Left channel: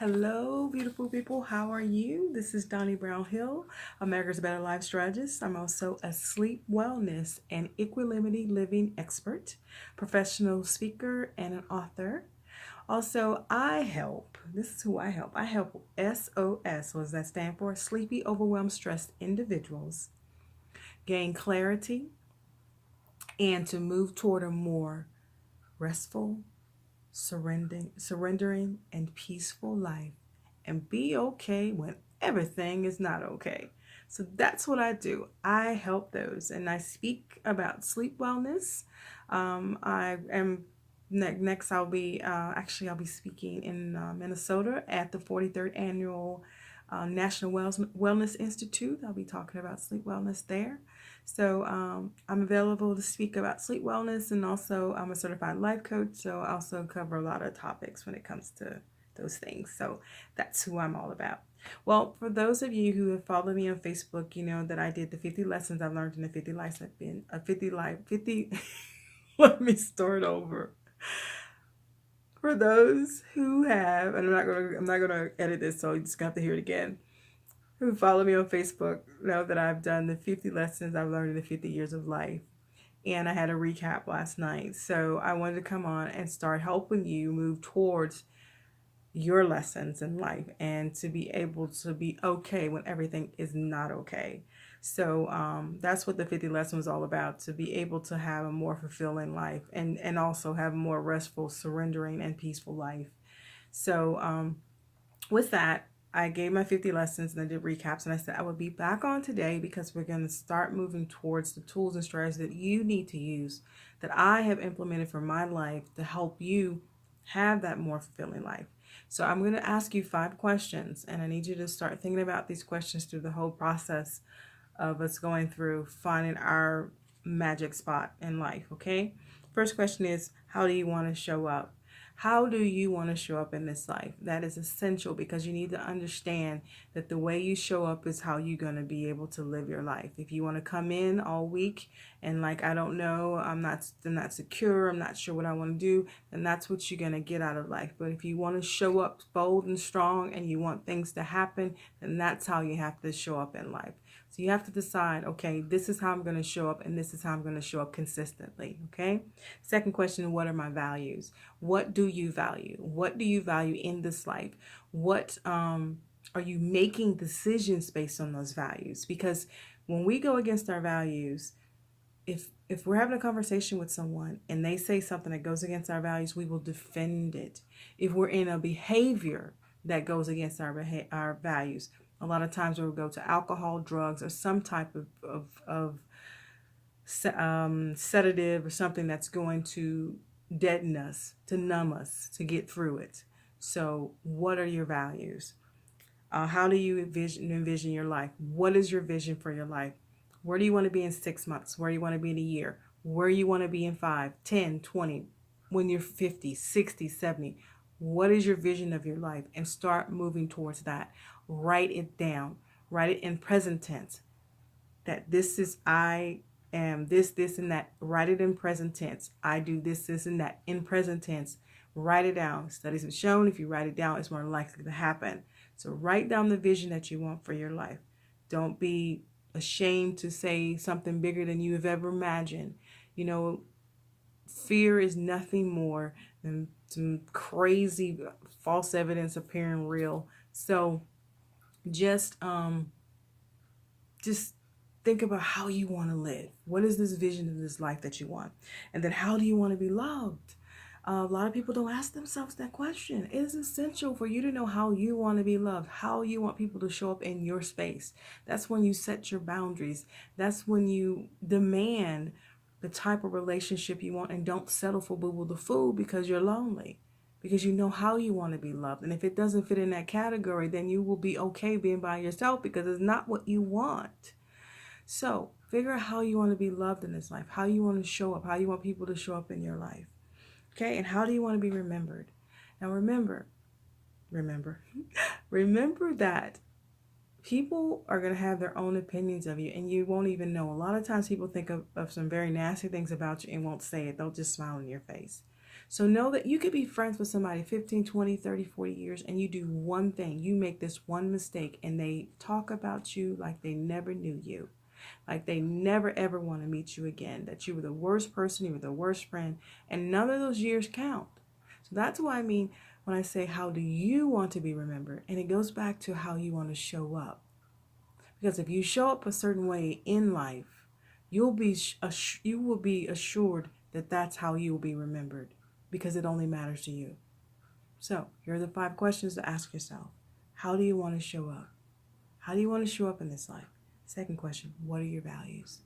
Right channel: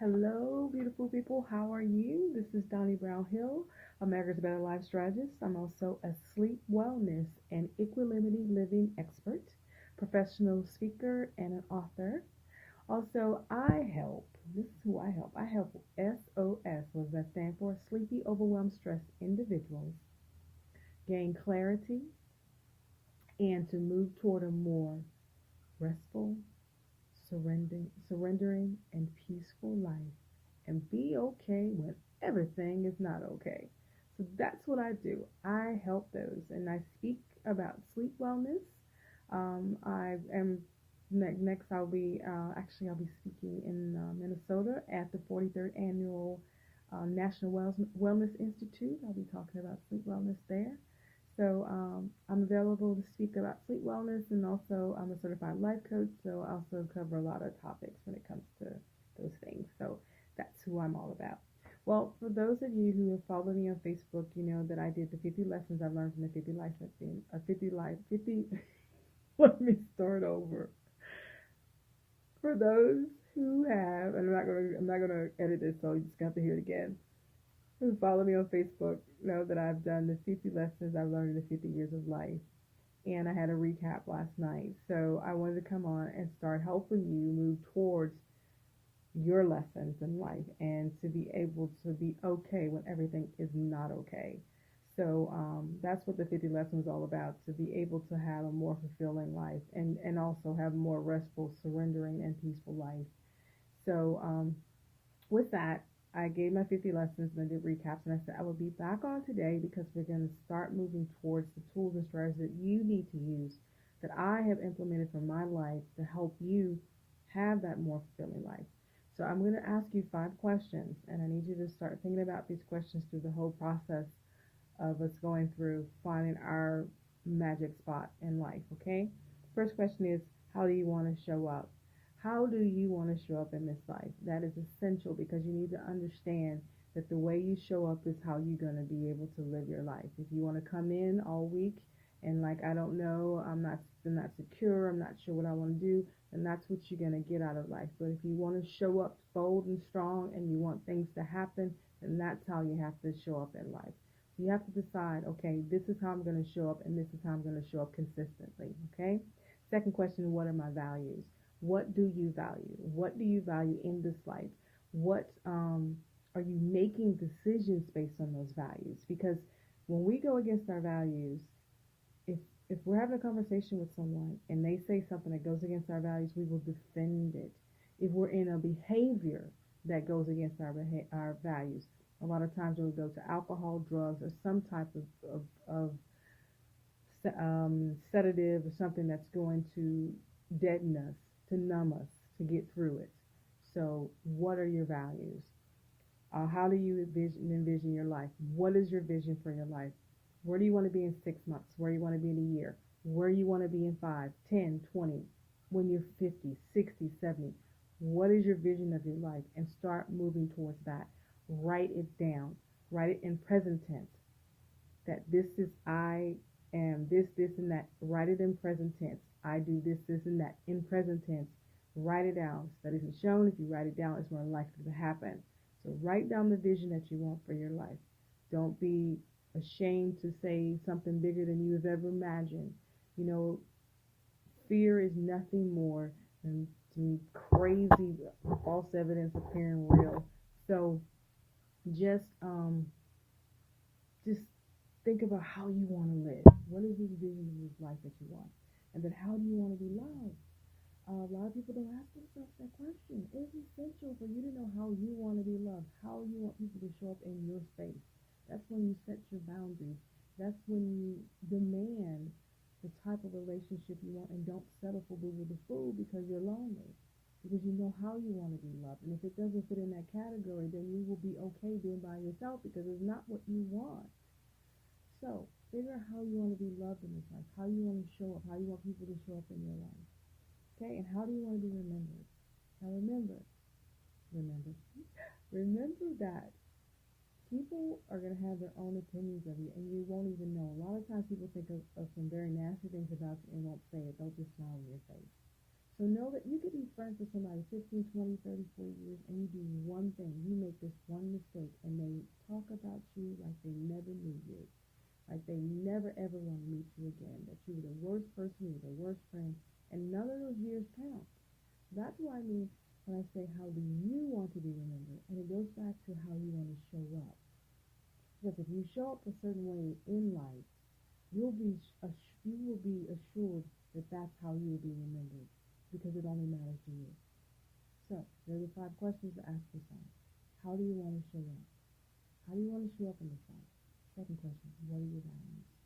Hello, beautiful people. How are you? This is Donnie Brown Hill, America's Better Life Strategist. I'm also a sleep wellness and equanimity living expert, professional speaker, and an author. Also, I help. This is who I help. I help SOS. What does that stand for? Sleepy, overwhelmed, stressed individuals gain clarity and to move toward a more restful, surrendering, and peaceful life, and be okay when everything is not okay. So that's what I do. I help those, and I speak about sleep wellness. I am next. I'll be speaking in Minnesota at the 43rd annual National Wellness Institute. I'll be talking about sleep wellness there. So I'm available to speak about sleep wellness, and also I'm a certified life coach. So I also cover a lot of topics when it comes to those things. So that's who I'm all about. Well, for those of you who have followed me on Facebook, you know that I did the 50 lessons I've learned in the 50 lives I've been, 50 life, 50. Let me start over. For those who have, and I'm not gonna edit this, so you just have to hear it again. Who follow me on Facebook know that I've done the 50 lessons I've learned in the 50 years of life. And I had a recap last night. So I wanted to come on and start helping you move towards your lessons in life and to be able to be okay when everything is not okay. So that's what the 50 lesson was all about, to be able to have a more fulfilling life and also have a more restful, surrendering, and peaceful life. So with that, I gave my 50 lessons and I did recaps, and I said I would be back on today because we're going to start moving towards the tools and strategies that you need to use, that I have implemented for my life to help you have that more fulfilling life. So I'm going to ask you 5 questions, and I need you to start thinking about these questions through the whole process of us going through finding our magic spot in life, okay? First question is, how do you want to show up? How do you want to show up in this life? That is essential because you need to understand that the way you show up is how you're going to be able to live your life. If you want to come in all week and like, I don't know, I'm not secure, I'm not sure what I want to do, then that's what you're going to get out of life. But if you want to show up bold and strong and you want things to happen, then that's how you have to show up in life. So you have to decide, okay, this is how I'm going to show up, and this is how I'm going to show up consistently, okay? Second question, what are my values? What do you value? What do you value in this life? What are you making decisions based on those values? Because when we go against our values, if we're having a conversation with someone and they say something that goes against our values, we will defend it. If we're in a behavior that goes against our values, a lot of times we'll go to alcohol, drugs, or some type of sedative or something that's going to deaden us, to numb us, to get through it. So what are your values? How do you envision your life? What is your vision for your life? Where do you want to be in 6 months? Where do you want to be in a year? Where you want to be in 5, 10, 20, when you're 50, 60, 70? What is your vision of your life? And start moving towards that. Write it down. Write it in present tense. That this is I am this, and that. Write it in present tense. I do this, and that in present tense. Write it down. Studies have shown if you write it down, it's more likely to happen. So write down the vision that you want for your life. Don't be ashamed to say something bigger than you have ever imagined. You know, fear is nothing more than some crazy false evidence appearing real. So just just think about how you want to live. What is this vision of this life that you want? And then how do you want to be loved? A lot of people don't ask themselves that question. It is essential for you to know how you want to be loved, how you want people to show up in your space. That's when you set your boundaries. That's when you demand the type of relationship you want and don't settle for boo boo the fool because you're lonely. Because you know how you want to be loved. And if it doesn't fit in that category, then you will be okay being by yourself because it's not what you want. So figure out how you want to be loved in this life, how you want to show up, how you want people to show up in your life. Okay, and how do you want to be remembered? Now remember that people are going to have their own opinions of you and you won't even know. A lot of times people think of some very nasty things about you and won't say it. They'll just smile in your face. So know that you could be friends with somebody 15, 20, 30, 40 years, and you do one thing. You make this one mistake and they talk about you like they never knew you. Like they never ever want to meet you again. That you were the worst person, you were the worst friend, and none of those years count. So that's what I mean when I say, how do you want to be remembered? And it goes back to how you want to show up. Because if you show up a certain way in life, you will be assured that that's how you will be remembered, because it only matters to you. So here are the 5 questions to ask yourself. How do you want to show up? How do you want to show up in this life? Second question, what are your values?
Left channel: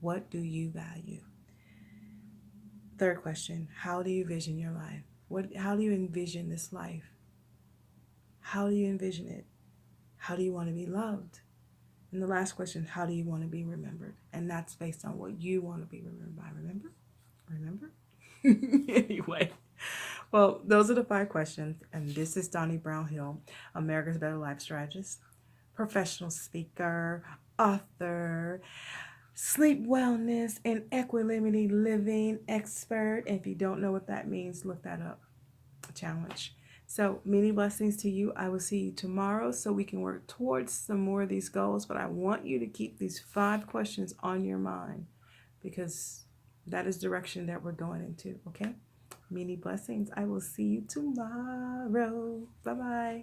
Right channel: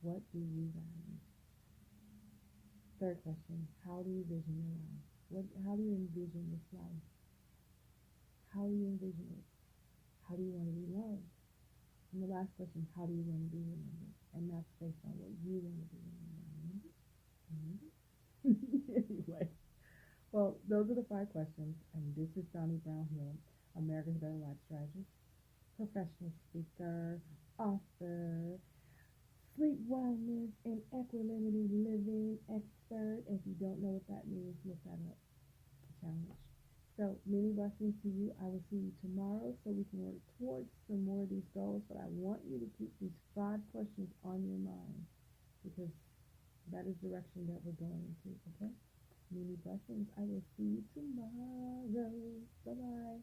What do you value? Third question, how do you vision your life? How do you envision this life? How do you envision it? How do you want to be loved? And the last question, how do you want to be remembered? And that's based on what you want to be remembered by. Remember? Anyway, well, those are the 5 questions. And this is Donnie Brownhill, America's Better Life Strategist, professional speaker, author, sleep wellness and equanimity living expert. And if you don't know what that means, look that up. Challenge. So many blessings to you. I will see you tomorrow so we can work towards some more of these goals. But I want you to keep these 5 questions on your mind, because that is direction that we're going into. Okay? Many blessings. I will see you tomorrow. Bye-bye.